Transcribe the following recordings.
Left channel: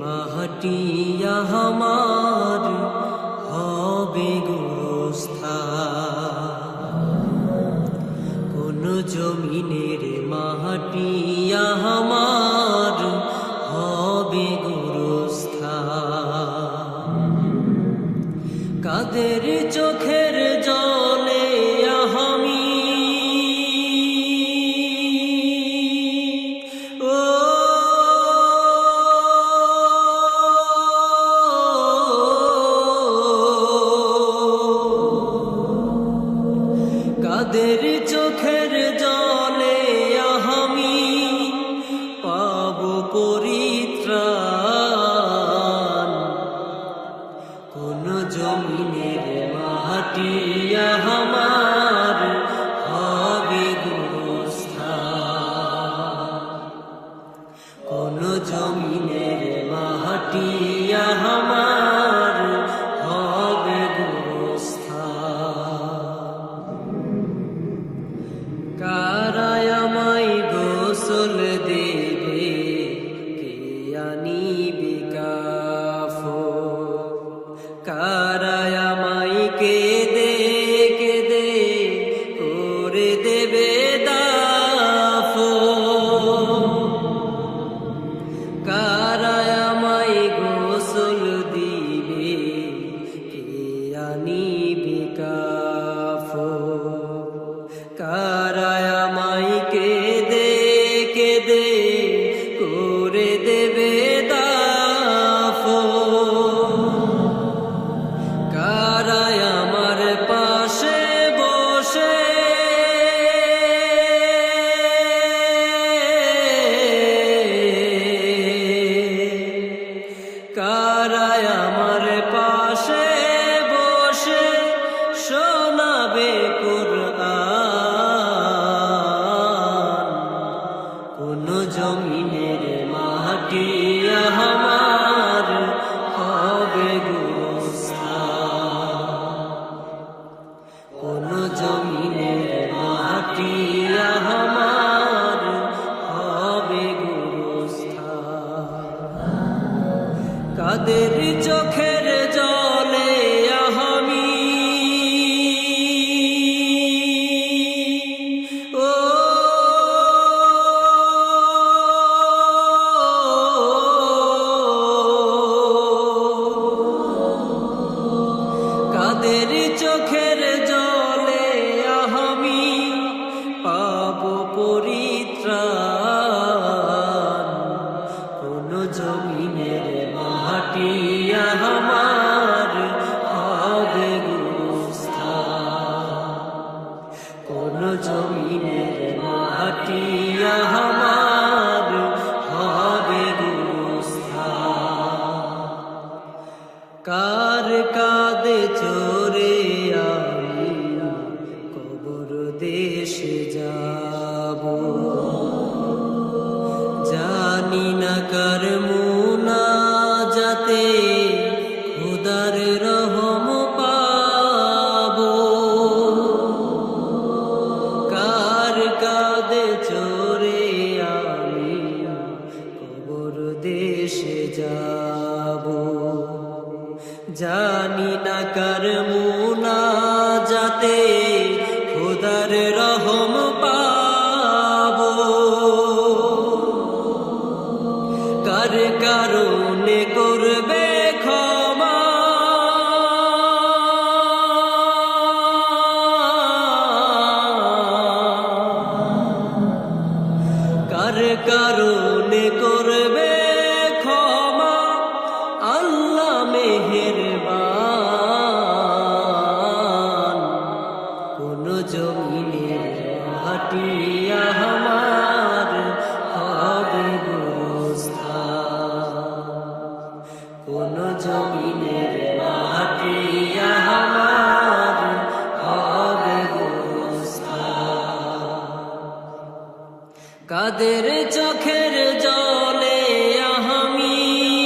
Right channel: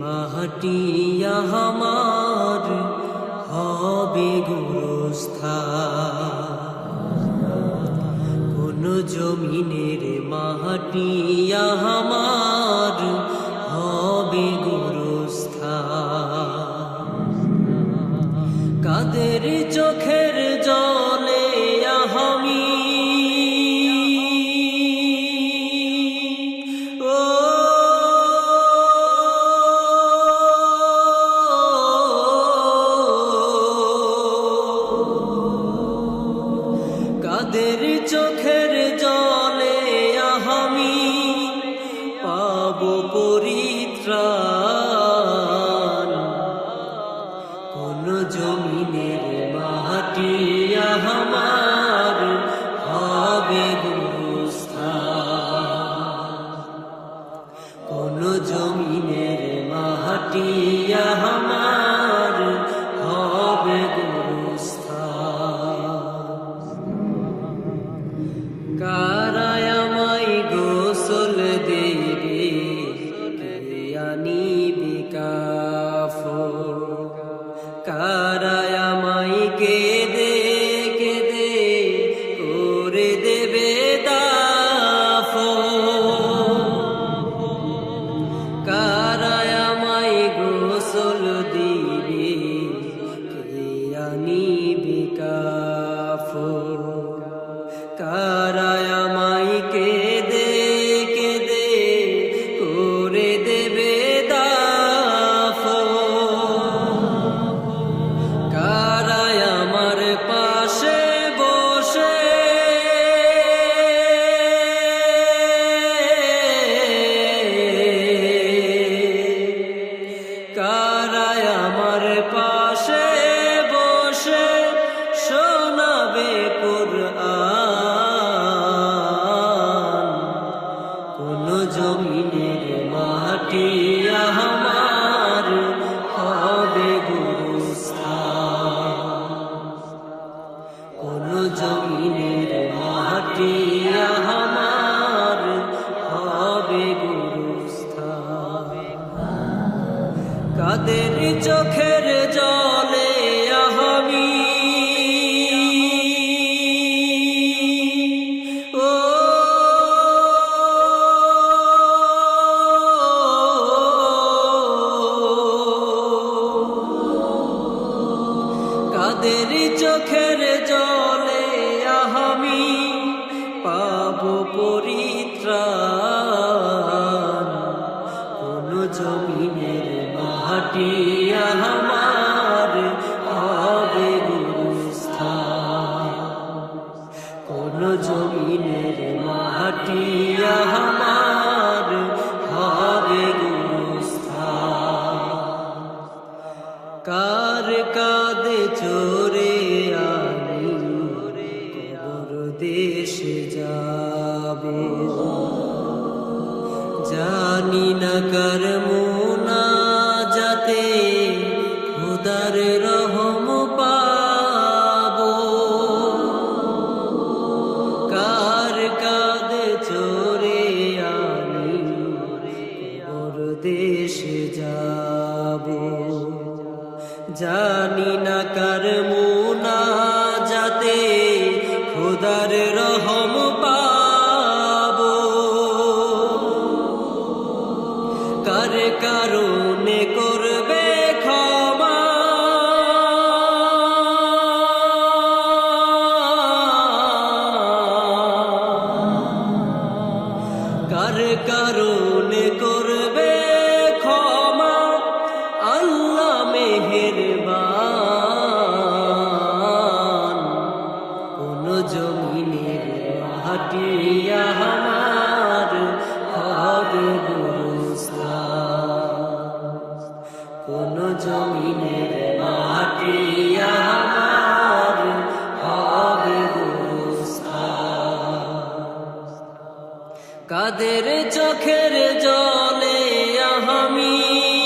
মাটিয়া আমার হবে গুরুস্থা কোন জমিনের মাটিয়া আমার হবে গুরুস্থা কাদের চোখের জলে আহামি পাব পরিত্রাণ। কোন জমিনের মাটি আমার হবে গুরুস্থান কারায় আমায় কে দে কে দে করে দেবে দাফো। কারায় আমায় গোসল দিবে, কে আনিবে কাফো। কারায় আমায় পাশে বসে। কারায় আমার পাশে বসে শোনাবে কুরআন। কোন জমিনের মাটি আমার আমার হবে গুরুস্থান। কাদের চোখের জলে আহামি কাদের চোখের জলে আহামি পাব পরিত্রাণ কোন জমিনের মাটি আমার হবে গুরুস্থান। কোন জমিনের মাটি আমার হবে গুরুস্থান। কার কাদে চোরে দেশে যাব। জানি না কার মুনা যাতে খুদার রহম পাবো। কার কাদে চোরে আমি কবর দেশে যাব। জানি না কার মুনা যাতে খুদার রহম পাবো। কার কারণে করবে কার করবে ক্ষমা? আল্লাহ মেহেরবান। জমিনের মাটি আমার, হবে গুরুস্থান। কোন জমিনের মাটি আমার, হবে গুরুস্থান। কাদের চোখের জলে আহামি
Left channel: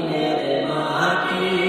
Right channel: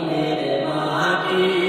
মাটি